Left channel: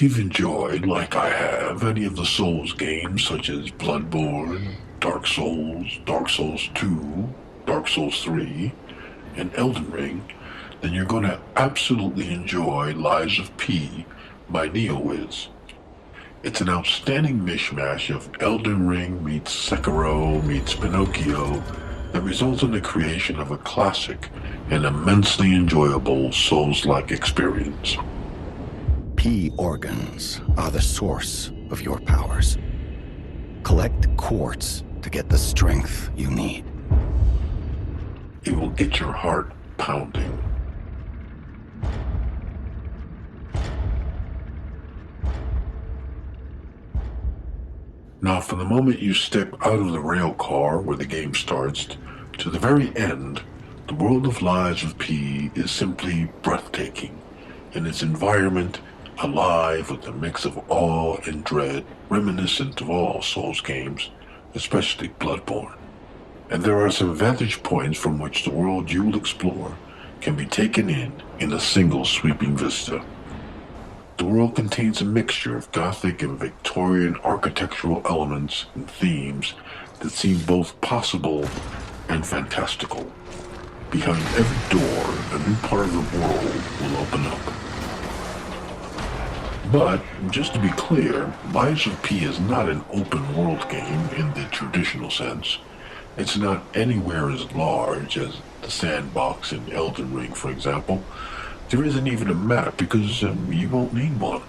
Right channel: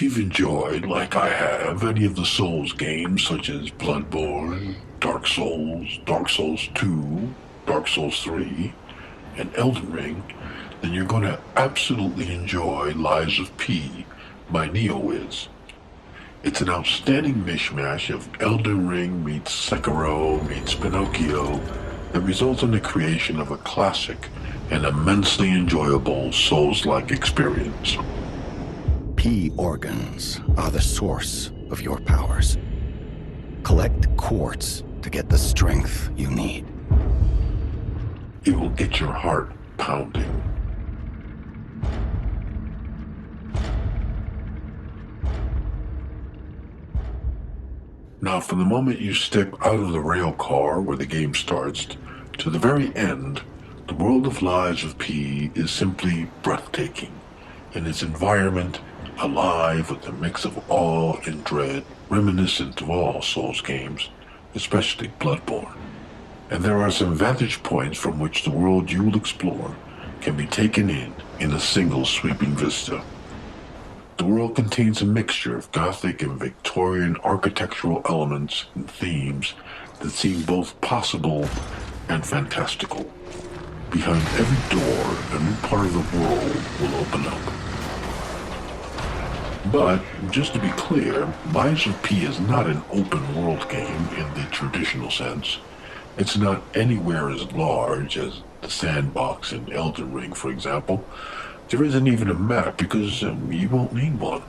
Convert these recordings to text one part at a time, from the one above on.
If you've enjoyed, like I have, any of the Souls games such as Bloodborne, Dark Souls 2, Dark Souls 3, and Elden Ring, then you're going to absolutely enjoy Lies of P by NeoWiz. It's an outstanding mishmash of Elden Ring meets Sekiro meets Pinocchio that results in the creation of a classic and immensely enjoyable Souls-like experience. P organs are the source of your powers. Collect quartz to get the strength you need. It will get your heart pounding. Now, from the moment you step out of the rail car where the game starts to the very end, the world of Lies of P is simply breathtaking, and its environment alive with a mix of awe and dread reminiscent of all Souls games, especially Bloodborne. And there are some vantage points from which the world you will explore can be taken in a single sweeping vista. The world contains a mixture of Gothic and Victorian architectural elements and themes that seem both possible and fantastical. Behind every door, a new part of the world will open up. But, just to be clear, Lies of P is not an open-world game in the traditional sense. It's not anywhere as large as the sandbox in Elden Ring, for example. There isn't even a map because you won't need one.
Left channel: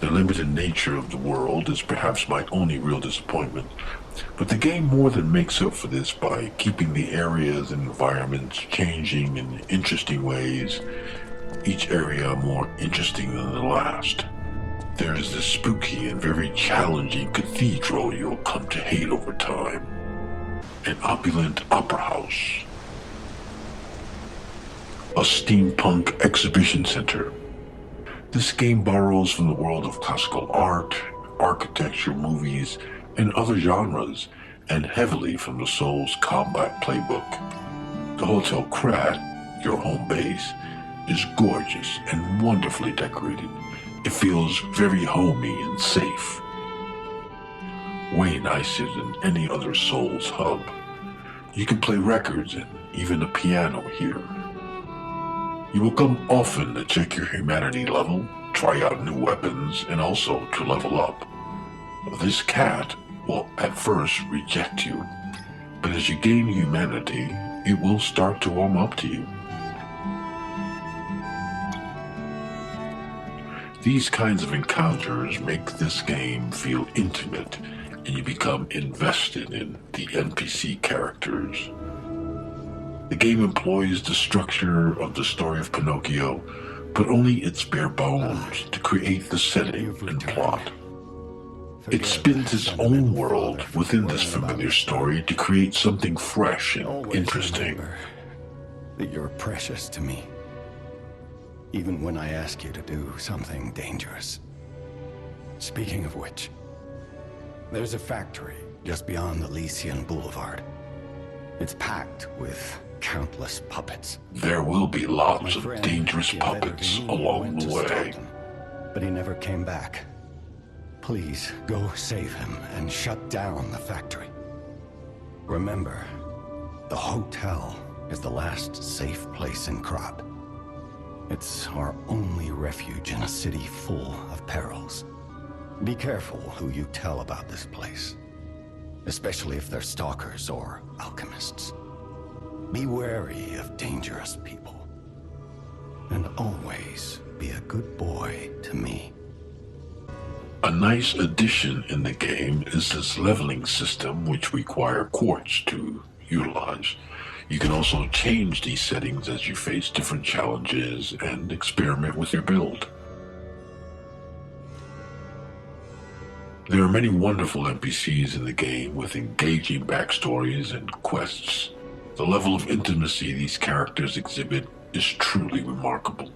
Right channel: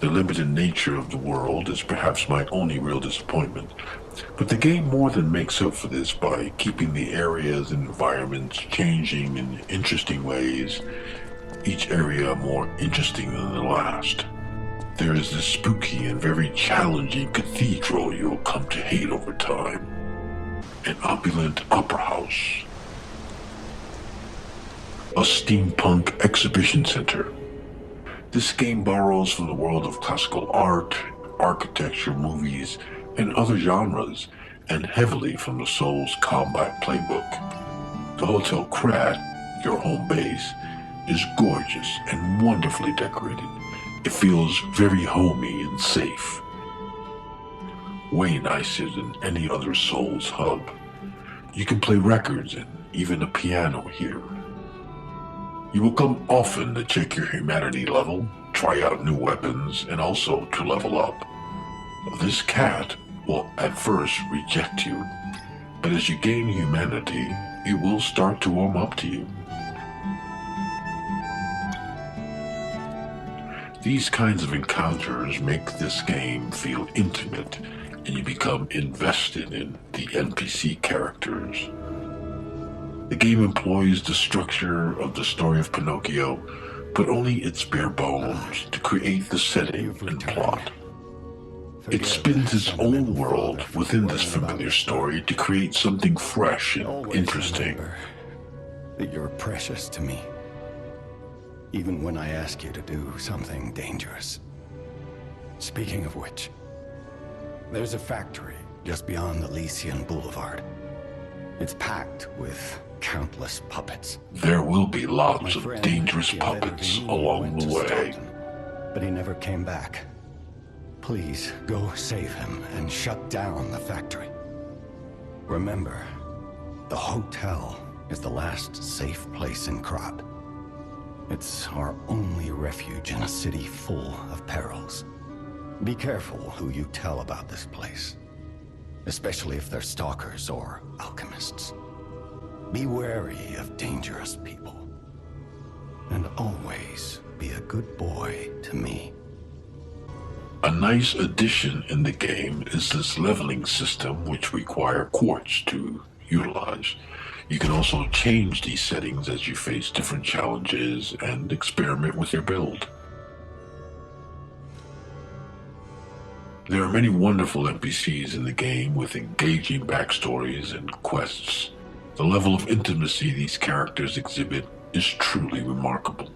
The limited nature of the world is perhaps my only real disappointment. But the game more than makes up for this by keeping the areas and environments changing in interesting ways, each area more interesting than the last. There is this spooky and very challenging cathedral you'll come to hate over time. An opulent opera house. A steampunk exhibition center. This game borrows from the world of classical art, architecture, movies, and other genres, and heavily from the Souls combat playbook. The Hotel Krat, your home base, is gorgeous and wonderfully decorated. It feels very homey and safe. Way nicer than any other Souls hub. You can play records and even a piano here. You will come often to check your humanity level, try out new weapons, and also to level up. This cat will at first reject you, but as you gain humanity, it will start to warm up to you. These kinds of encounters make this game feel intimate, and you become invested in the NPC characters. The game employs the structure of the story of Pinocchio, but only its bare bones to create the setting and plot. It spins its own world within this familiar story to create something fresh and interesting. That you're precious to me, even when I ask you to do something dangerous. Speaking of which, there's a factory just beyond Elysian Boulevard. It's packed with countless puppets. There will be lots of dangerous puppets along the way. But he never came back. Please, go save him and shut down the factory. Remember, the hotel is the last safe place in Krat. It's our only refuge in a city full of perils. Be careful who you tell about this place, especially if they're stalkers or alchemists. Be wary of dangerous people. And always be a good boy to me. A nice addition in the game is this leveling system which require quartz to utilize. You can also change these settings as you face different challenges and experiment with your build. There are many wonderful NPCs in the game with engaging backstories and quests. The level of intimacy these characters exhibit is truly remarkable.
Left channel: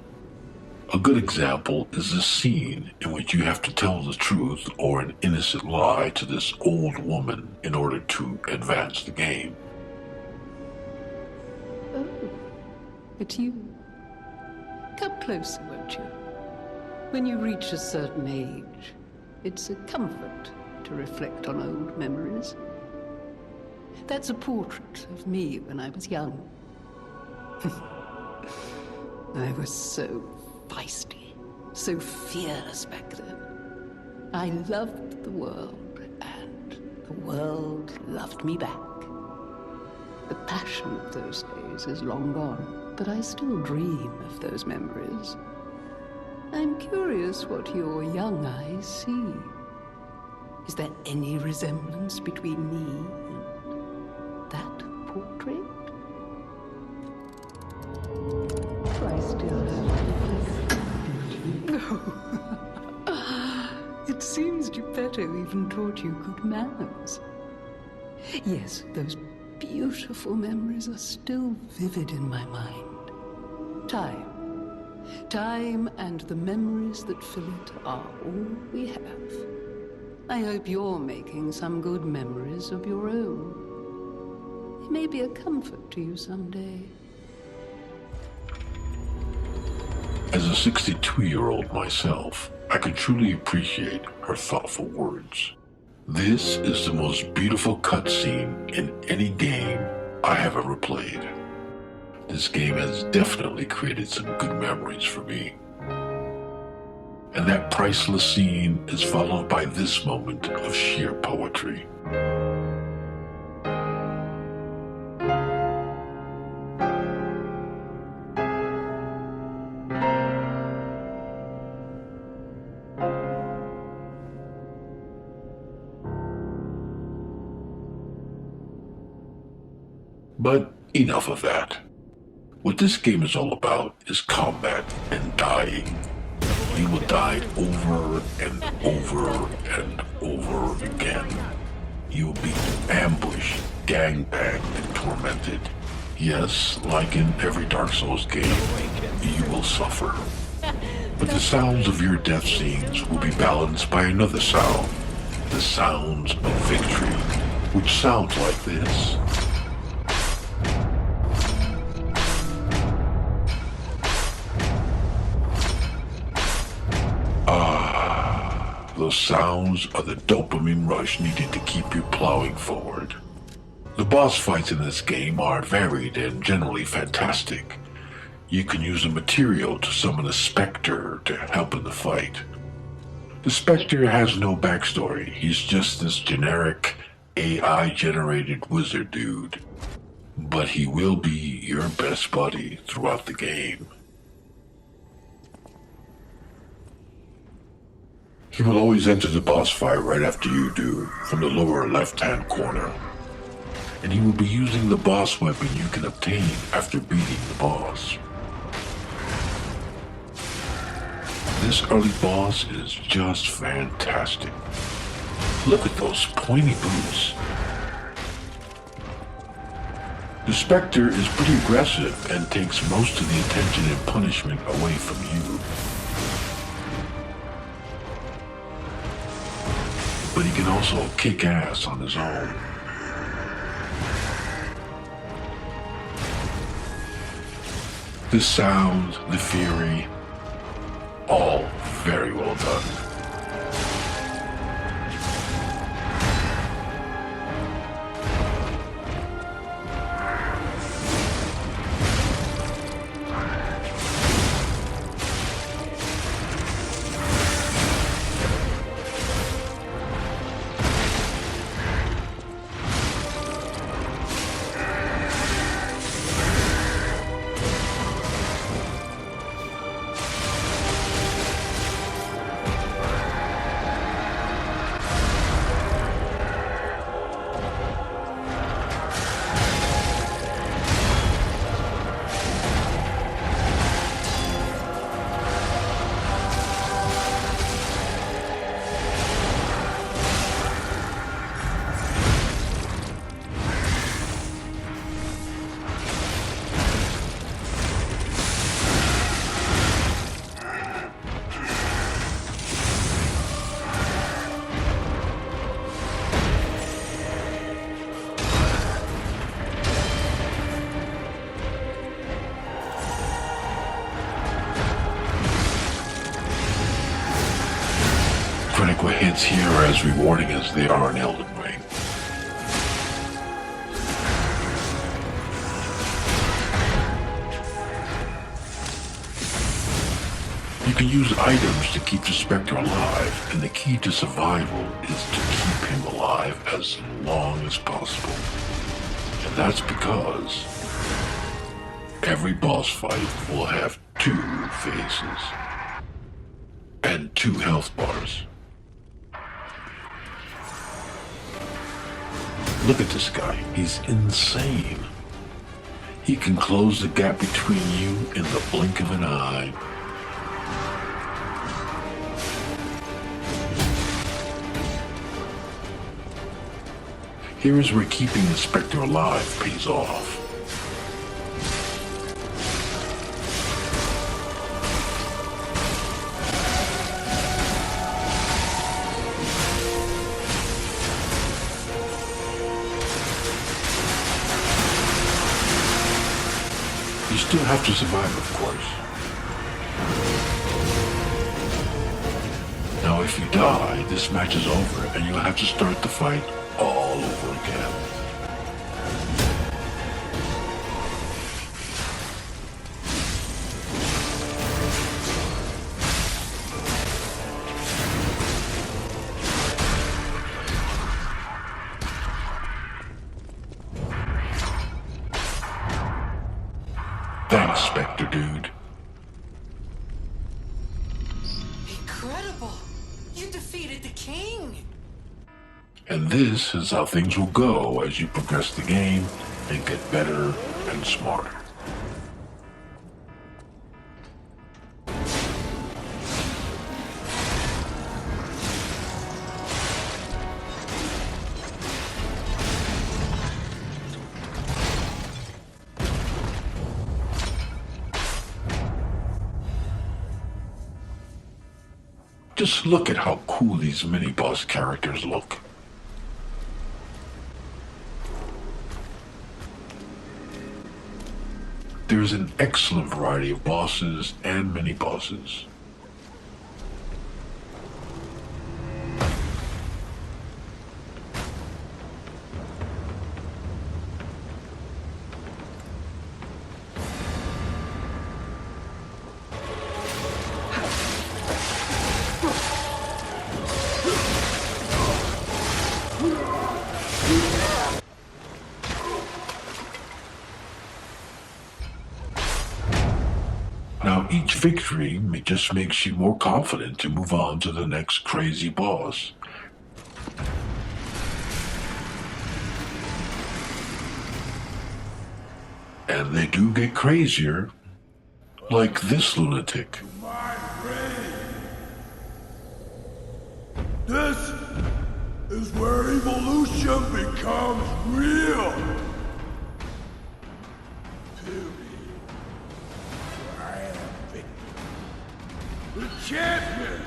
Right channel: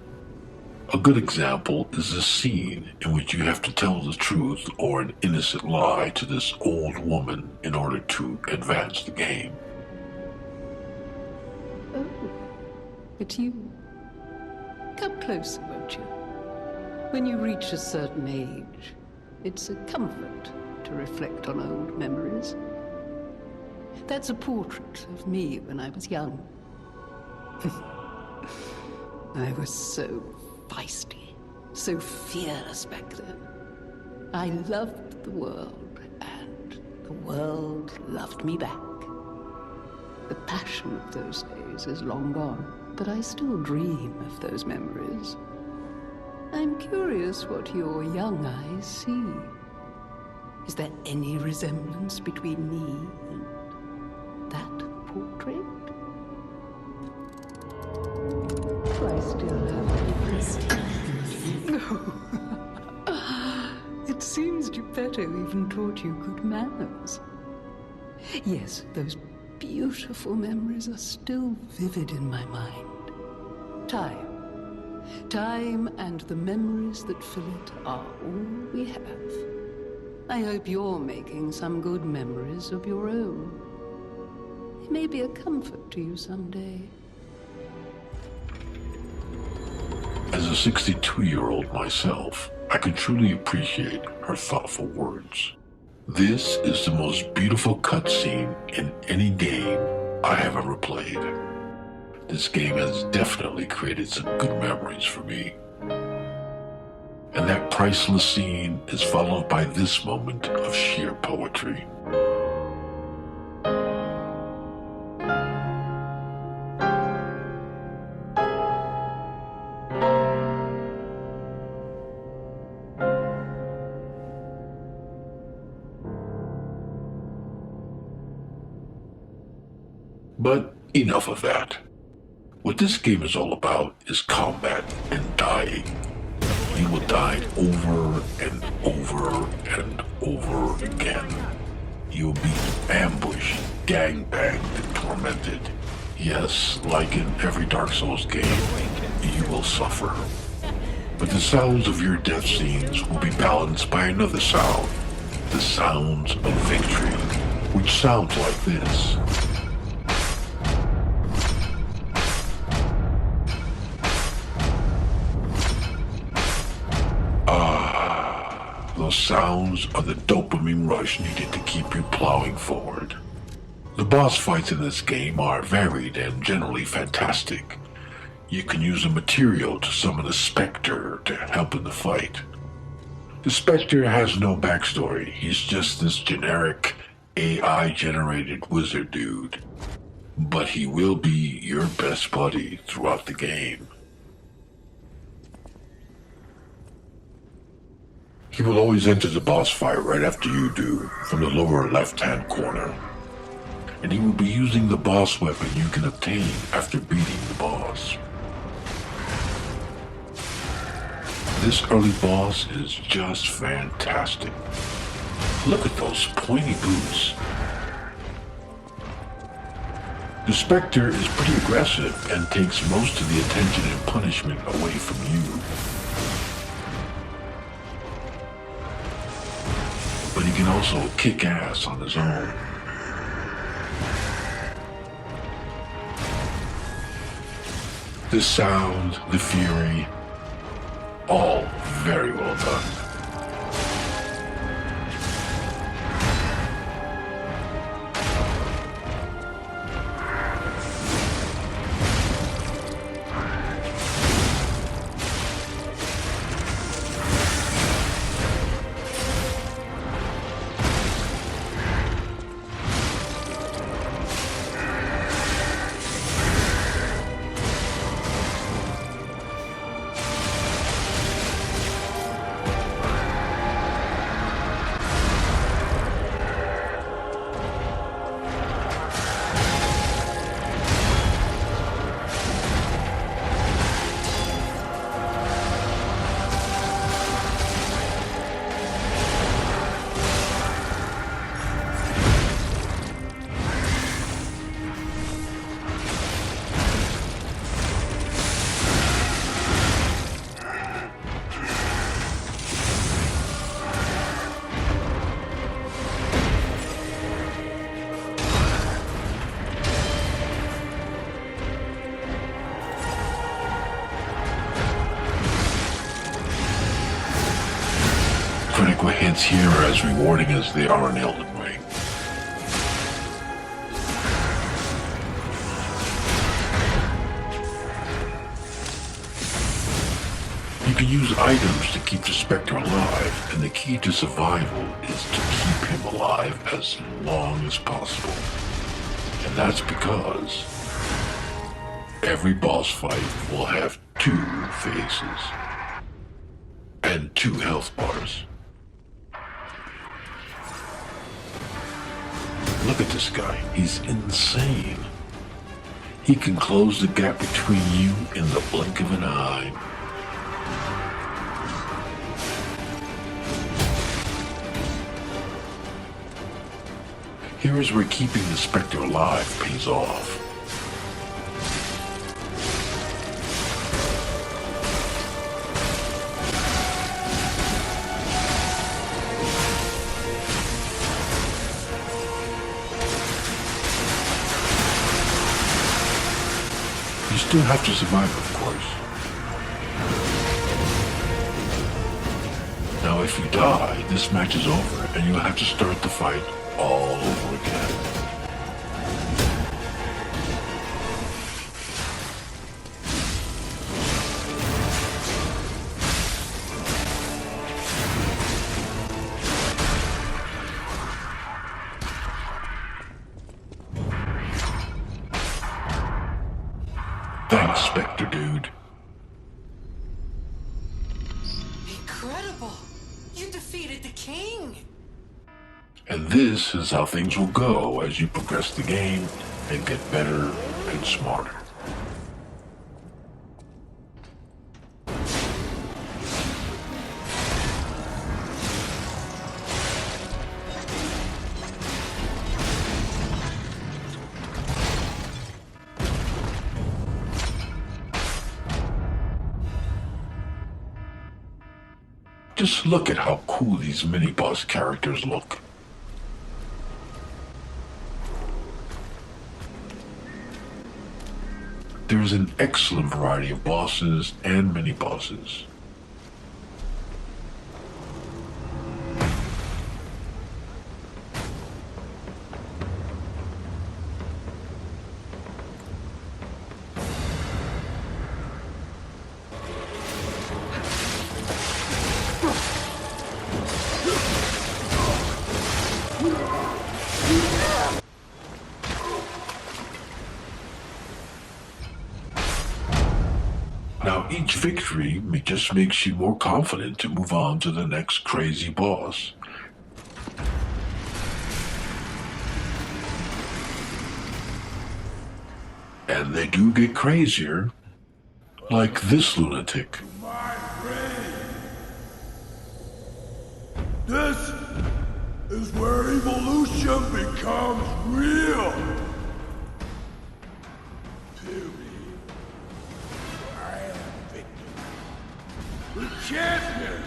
A good example is the scene in which you have to tell the truth or an innocent lie to this old woman in order to advance the game. Oh, it's you. Come closer, won't you? When you reach a certain age, it's a comfort to reflect on old memories. That's a portrait of me when I was young. I was so feisty, so fearless back then. I loved the world, and the world loved me back. The passion of those days is long gone, but I still dream of those memories. I'm curious what your young eyes see. Is there any resemblance between me and that portrait? Do I still have No. It seems Geppetto even taught you good manners. Yes, those beautiful memories are still vivid in my mind. Time and the memories that fill it are all we have. I hope you're making some good memories of your own. They may be a comfort to you someday. As a 62-year-old myself, I can truly appreciate her thoughtful words. This is the most beautiful cutscene in any game I have ever played. This game has definitely created some good memories for me. And that priceless scene is followed by this moment of sheer poetry. But enough of that. What this game is all about is combat and dying. You will die over and over and over again. You will be ambushed, gangbanged, and tormented. Yes, like in every Dark Souls game, you will suffer. But the sounds of your death scenes will be balanced by another sound. The sounds of victory, which sounds like this. Those sounds are the dopamine rush needed to keep you plowing forward. The boss fights in this game are varied and generally fantastic. You can use a material to summon a specter to help in the fight. The specter has no backstory, he's just this generic AI-generated wizard dude. But he will be your best buddy throughout the game. He will always enter the boss fight right after you do, from the lower left-hand corner. And he will be using the boss weapon you can obtain after beating the boss. This early boss is just fantastic. Look at those pointy boots. The Spectre is pretty aggressive and takes most of the attention and punishment away from you. But he can also kick ass on his own. The sound, the fury, all very well done. critical hits here are as rewarding as they are in Elden Ring. You can use items to keep the Spectre alive, and the key to survival is to keep him alive as long as possible. And that's because every boss fight will have 2 phases and 2 health bars. Look at this guy, he's insane. He can close the gap between you in the blink of an eye. Here is where keeping the Spectre alive pays off. You still have to survive, of course. Now, if you die, this match is over, and you'll have to start the fight all over again. Thanks, Spectre dude. Incredible! You defeated the king! And this is how things will go as you progress the game and get better and smarter. Just look at how cool these mini-boss characters look. There's an excellent variety of bosses and mini-bosses. Now, each victory just makes you more confident to move on to the next crazy boss. And they do get crazier, like this lunatic. This is where evolution becomes real. Feel me. I am Victor, the champion.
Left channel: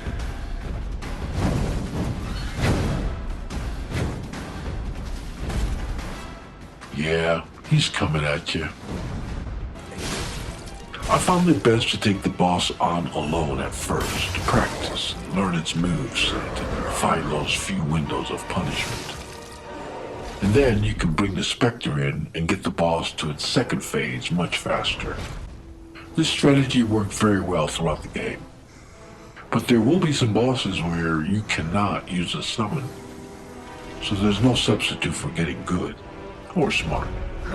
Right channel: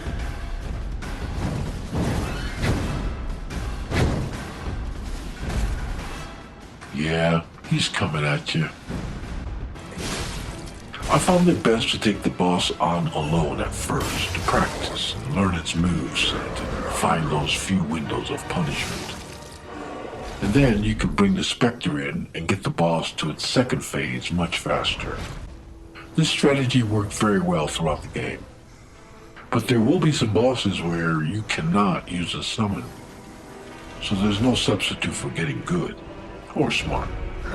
Yeah, he's coming at you. I found it best to take the boss on alone at first, to practice, learn its moves, and find those few windows of punishment. And then you can bring the Spectre in and get the boss to its second phase much faster. This strategy worked very well throughout the game. But there will be some bosses where you cannot use a summon. So there's no substitute for getting good, or smart,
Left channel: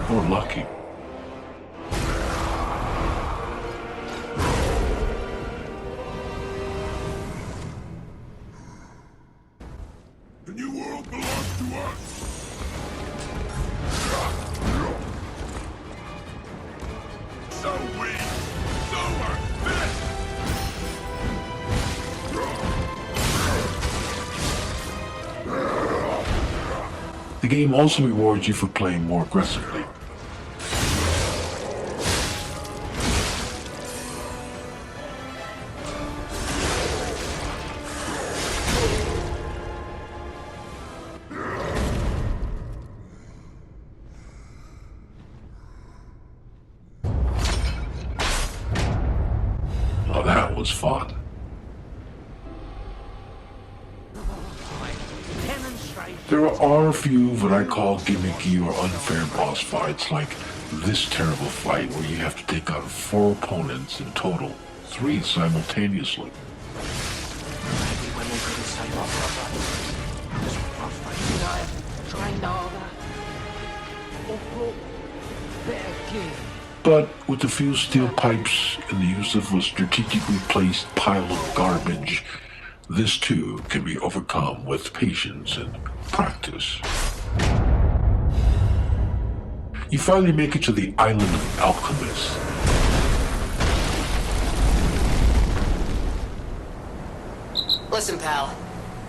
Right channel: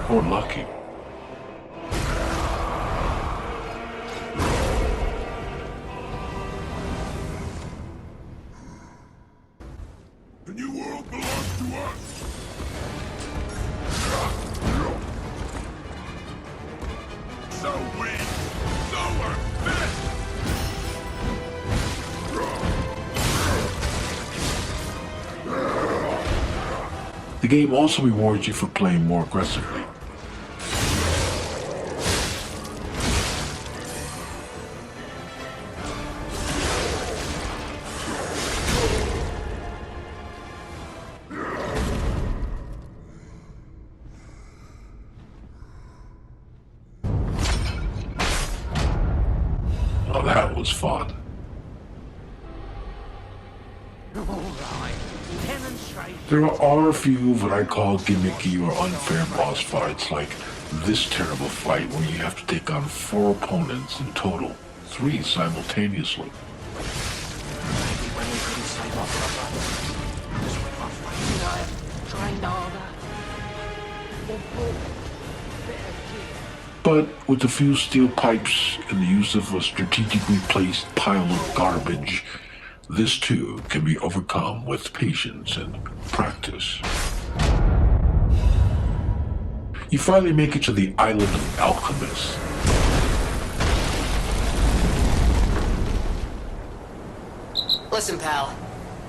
or lucky. The new world belongs to us. So weak, so unfit. The game also rewards you for playing more aggressively. Oh, that was fun. There are a few what I call gimmicky or unfair boss fights, like this terrible fight where you have to take on 4 opponents in total, 3 simultaneously. But with a few steel pipes and the use of a strategically placed pile of garbage, this too can be overcome with patience and practice. You finally make it to the island of alchemists. Listen, pal.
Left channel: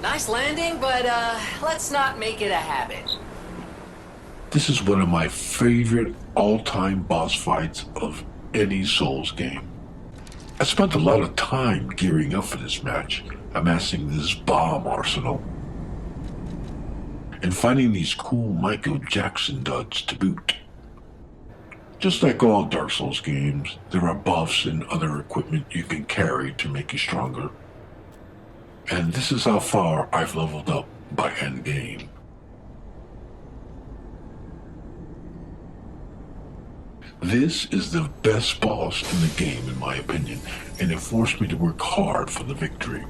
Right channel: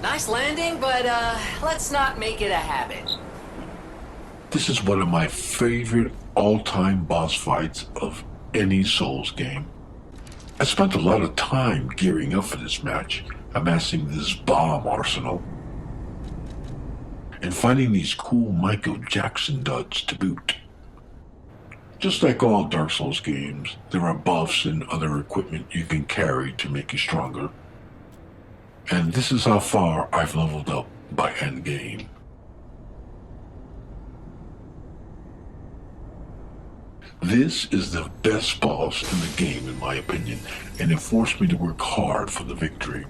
Nice landing, but let's not make it a habit. This is one of my favorite all-time boss fights of any Souls game. I spent a lot of time gearing up for this match, amassing this bomb arsenal, and finding these cool Michael Jackson duds to boot. Just like all Dark Souls games, there are buffs and other equipment you can carry to make you stronger. And this is how far I've leveled up by endgame. This is the best boss in the game in my opinion, and it forced me to work hard for the victory.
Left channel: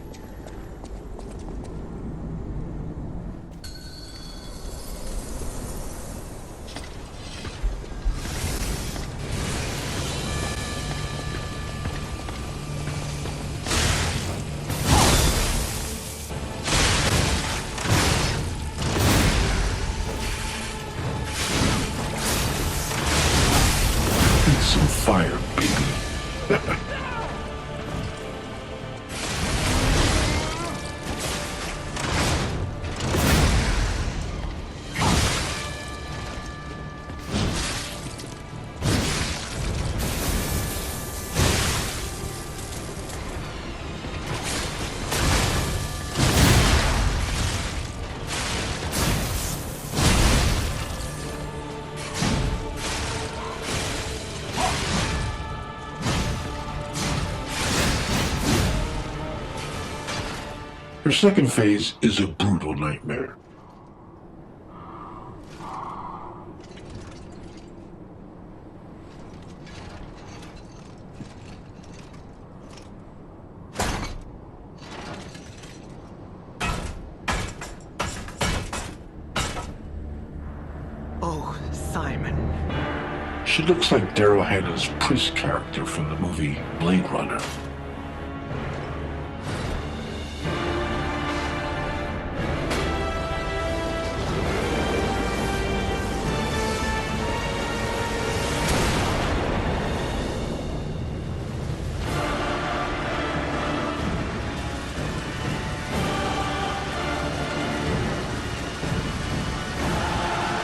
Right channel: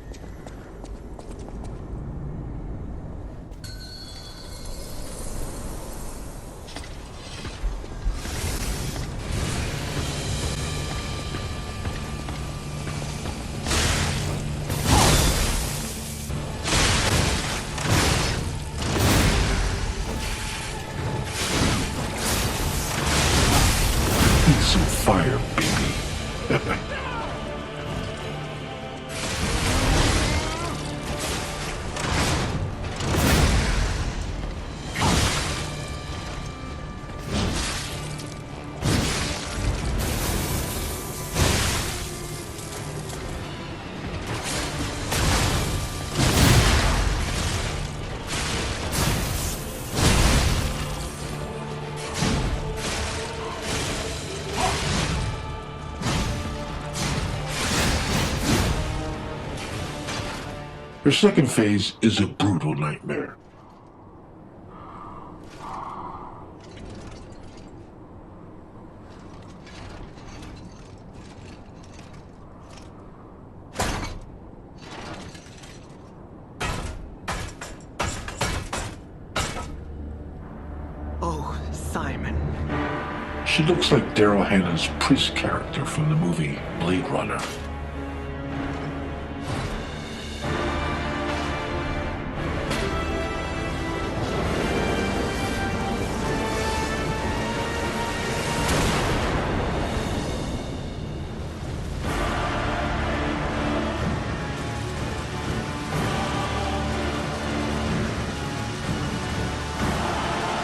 Some fire, baby. Her second phase is a brutal nightmare. Oh, Simon. She looks like Daryl Hannah's Pris character from the movie Blade Runner.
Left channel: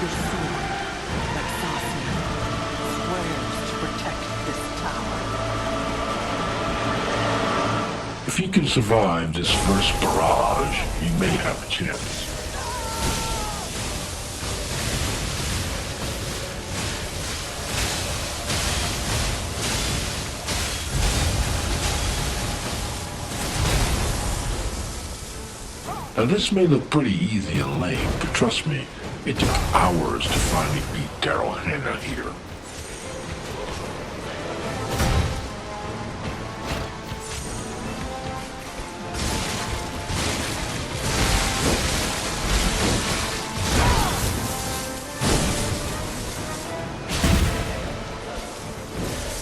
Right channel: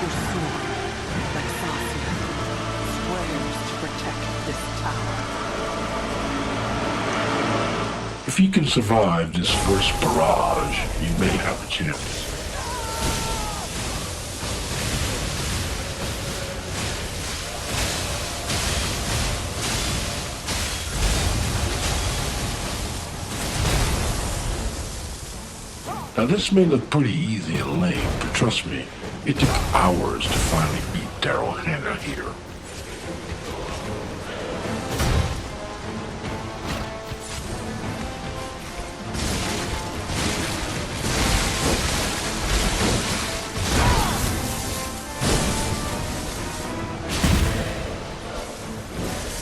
Your sword, Vexasia, swears to protect this tower. If you can survive this first barrage, you may have a chance. Now this may look pretty easy and lame, but trust me, it took hours to finally beat Daryl Hannah here.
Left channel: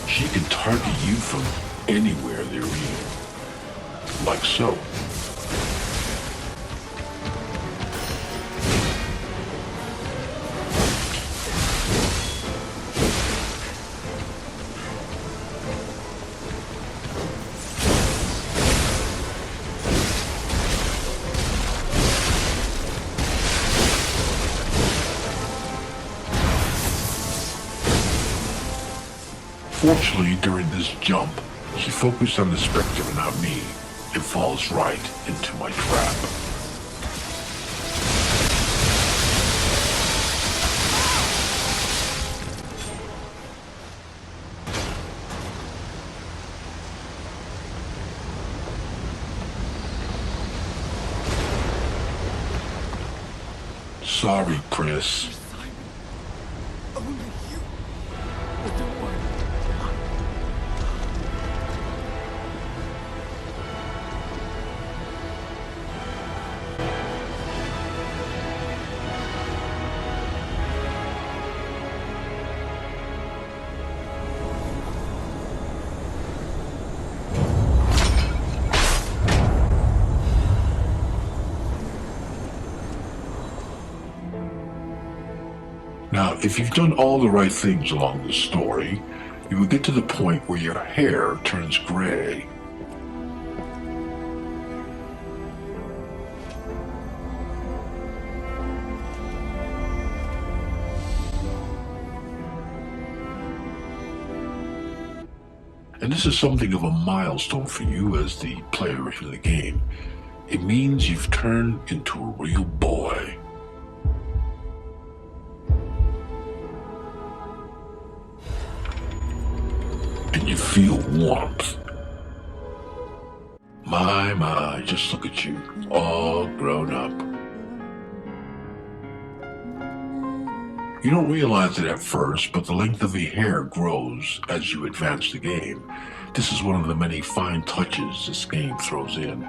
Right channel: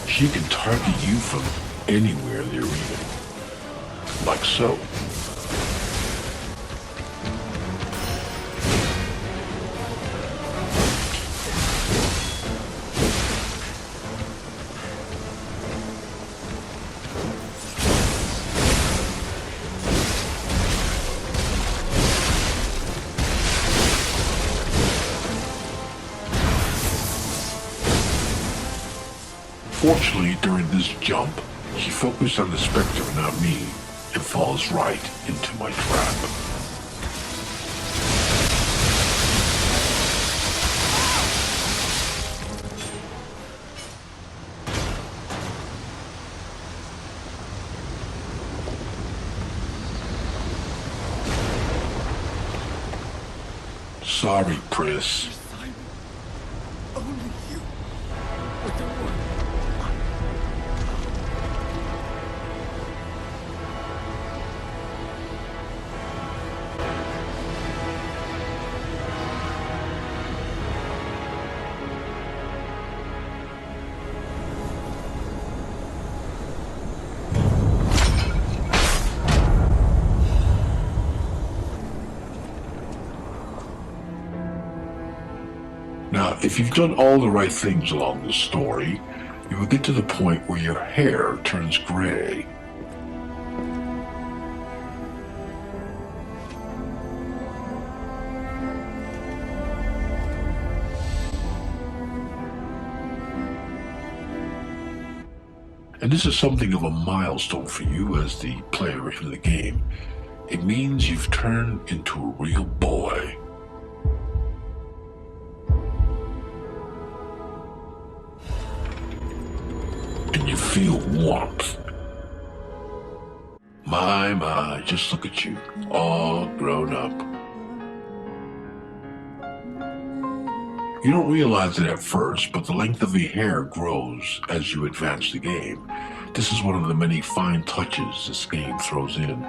She can target you from anywhere they're in, like so. Fortunately, during this jump, she focused on the Spectre and not me, and falls right into my trap. sorry, Pris. Simon. Only you. But don't worry. Now, if you've done all the right things along the story, you will get to the point where your hair turns gray. And this is something of a milestone for you as the player in the game. It means you've turned into a real boy. And you feel warmth. My, just look at you, all grown up. You don't realize it at first, but the length of your hair grows as you advance the game. This is one of the many fine touches this game throws in.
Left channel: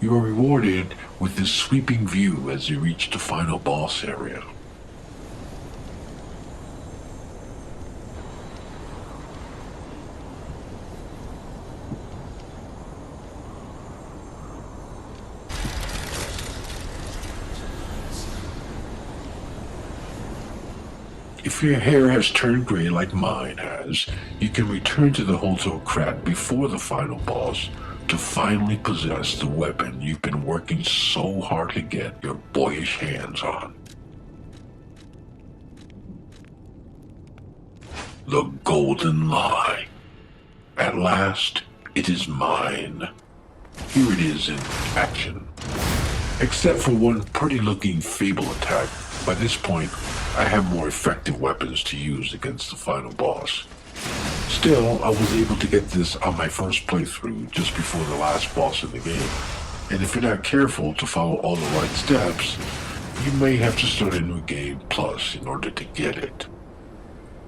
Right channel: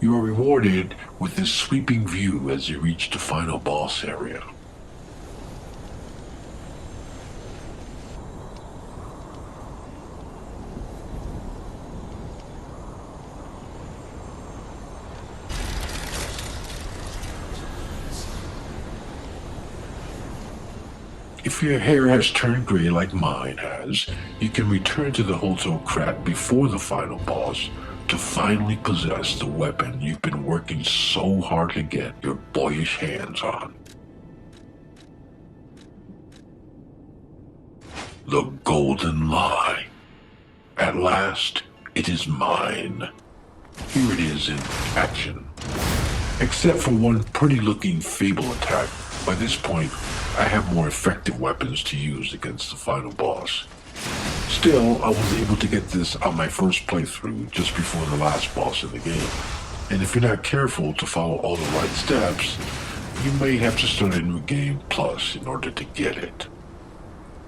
You are rewarded with this sweeping view as you reach the final boss area. If your hair has turned gray like mine has, you can return to the Hotel Krat before the final boss to finally possess the weapon you've been working so hard to get your boyish hands on. The Golden Lie. At last, it is mine. Here it is in action. Except for one pretty-looking Fable attack, by this point, I have more effective weapons to use against the final boss. Still, I was able to get this on my first playthrough just before the last boss in the game. And if you're not careful to follow all the right steps, you may have to start a new game plus in order to get it.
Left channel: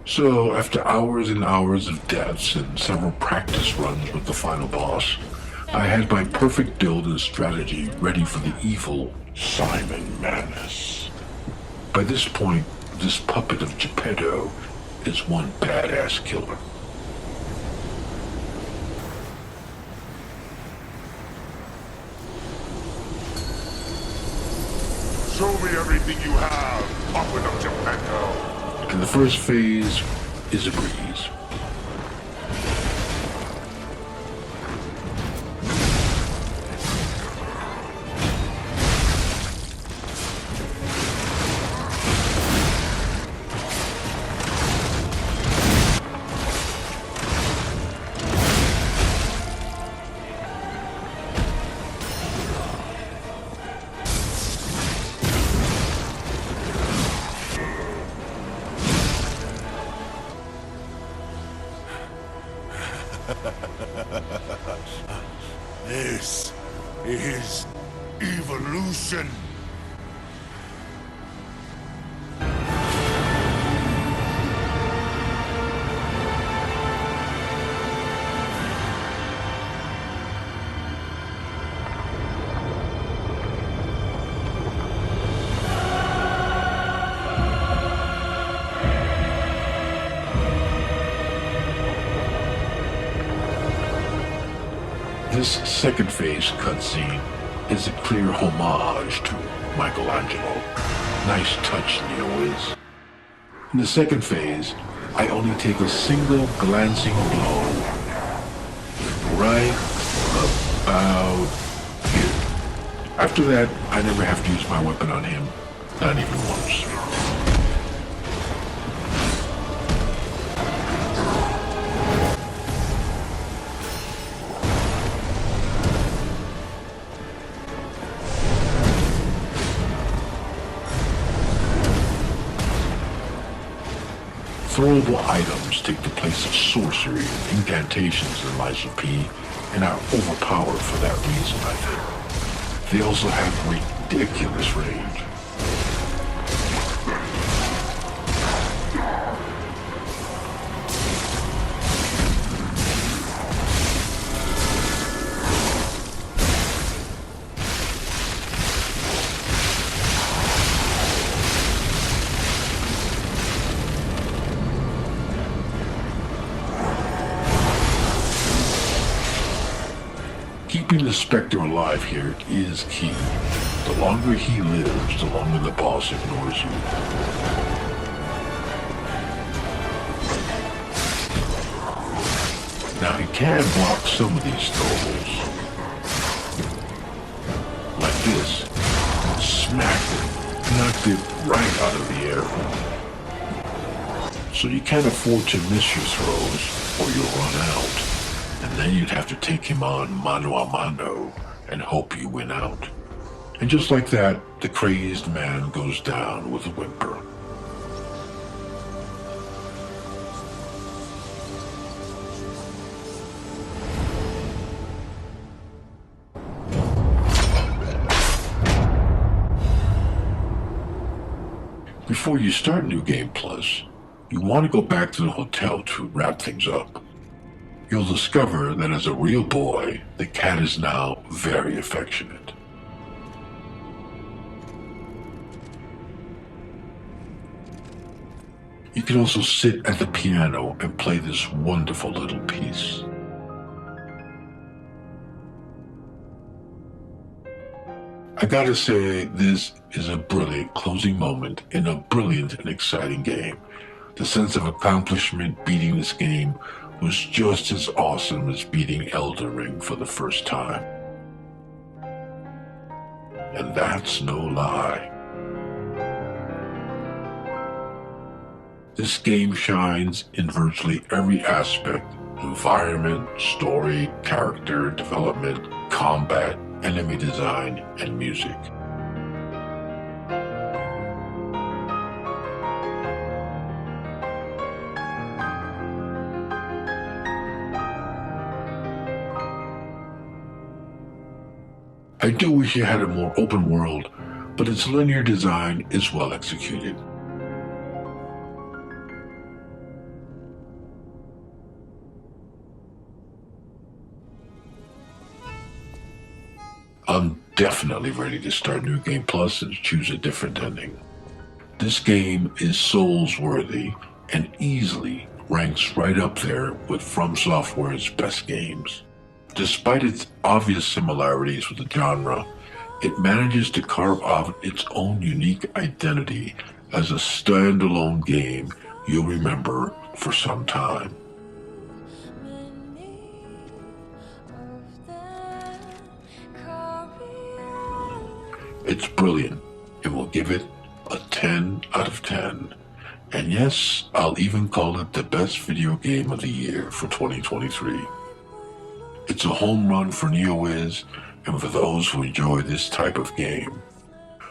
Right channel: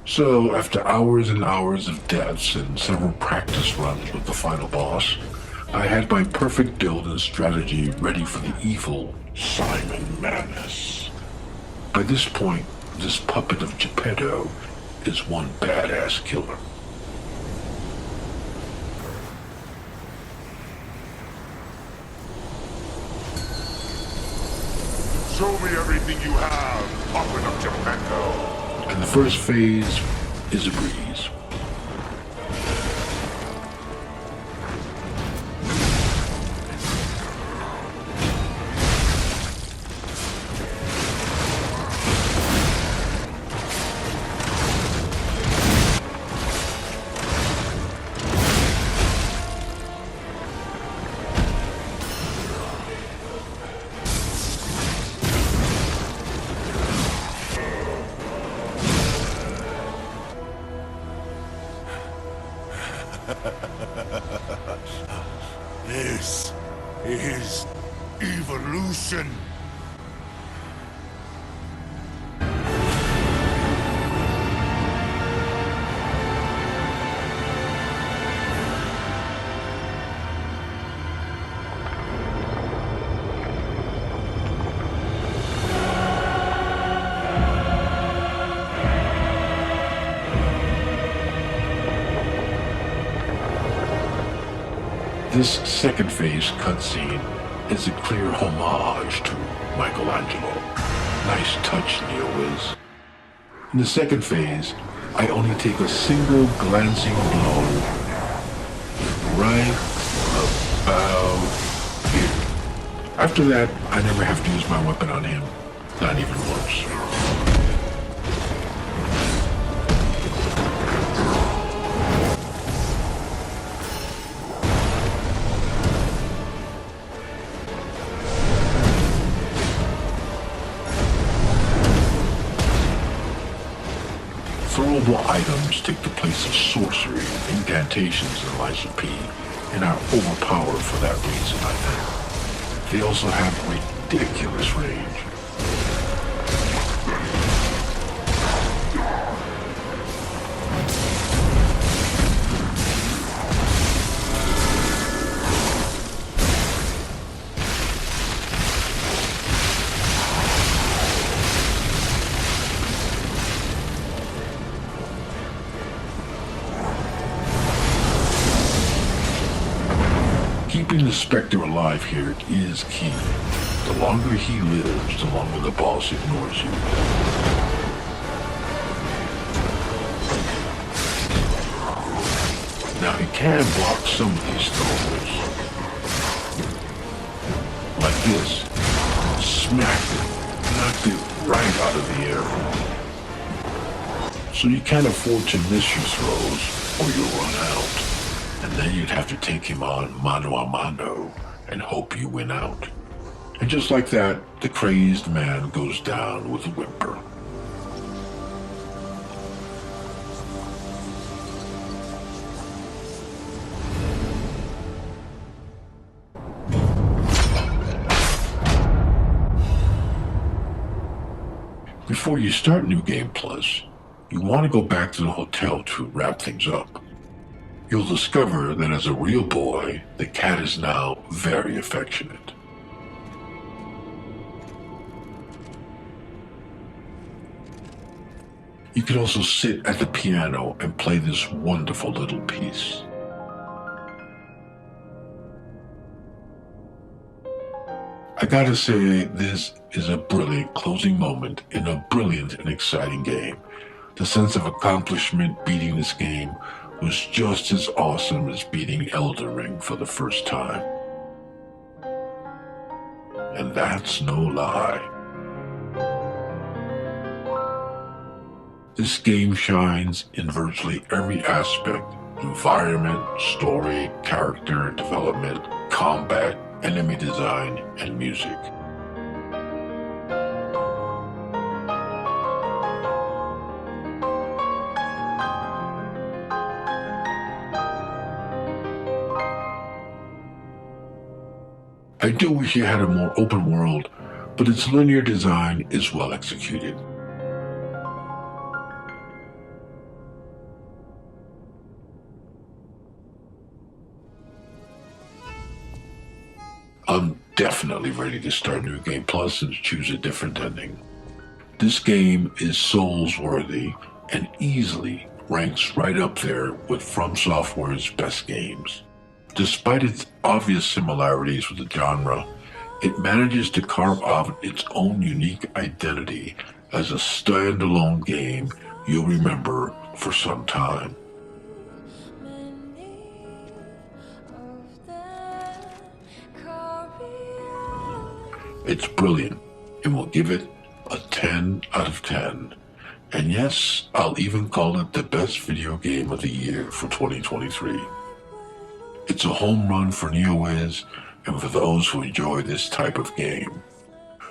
So, after hours and hours of deaths and several practice runs with the final boss, I had my perfect build and strategy ready for the evil Simon Manus. By this point, this puppet of Geppetto is one badass killer. Show me everything you have, puppet of Geppetto. And the first phase is a breeze. This is evolution. This second phase cutscene is a clear homage to Michelangelo. Nice touch, Neo-Wiz. In the second phase, I only take a single glancing blow right about here. After that, I never have to use my weapon on him, not even once. Destroyable items take the place of sorcery and incantations in Lies of P and are overpowered for that reason, I think. They also have ridiculous range. Keeping the Spectre alive here is key. The longer he lives, the longer the boss ignores you. Now he can block some of these throws. Like this. Smacked it. Knocked it right out of the air. So you can't afford to miss your throws or you'll run out. And then you'd have to take him on mano a mano and hope you win out. And just like that, the crazed man goes down with a whimper. Before you start New Game Plus, you want to go back to the hotel to wrap things up. You'll discover that as a real boy, the cat is now very affectionate. You can also sit at the piano and play this wonderful little piece. I gotta say, this is a brilliant closing moment in a brilliant and exciting game. The sense of accomplishment beating this game was just as awesome as beating Elden Ring for the first time. And that's no lie. This game shines in virtually every aspect: environment, story, character development, combat, enemy design, and music. I do wish it had a more open world, but its linear design is well executed. I'm definitely ready to start New Game Plus and choose a different ending. This game is Souls-worthy and easily ranks right up there with From Software's best games. Despite its obvious similarities with the genre, it manages to carve out its own unique identity as a standalone game you'll remember for some time. It's brilliant, and we'll give it a 10 out of 10. And yes, I'll even call it the best video game of the year for 2023. It's a home run for NeoWiz and for those who enjoy this type of game.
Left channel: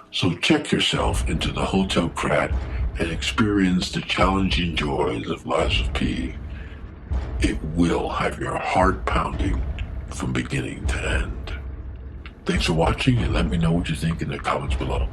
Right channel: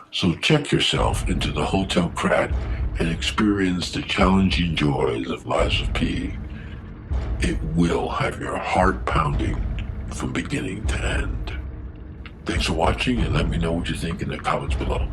So check yourself into the Hotel Krat and experience the challenging joys of Lies of P. It will have your heart pounding from beginning to end. Thanks for watching, and let me know what you think in the comments below.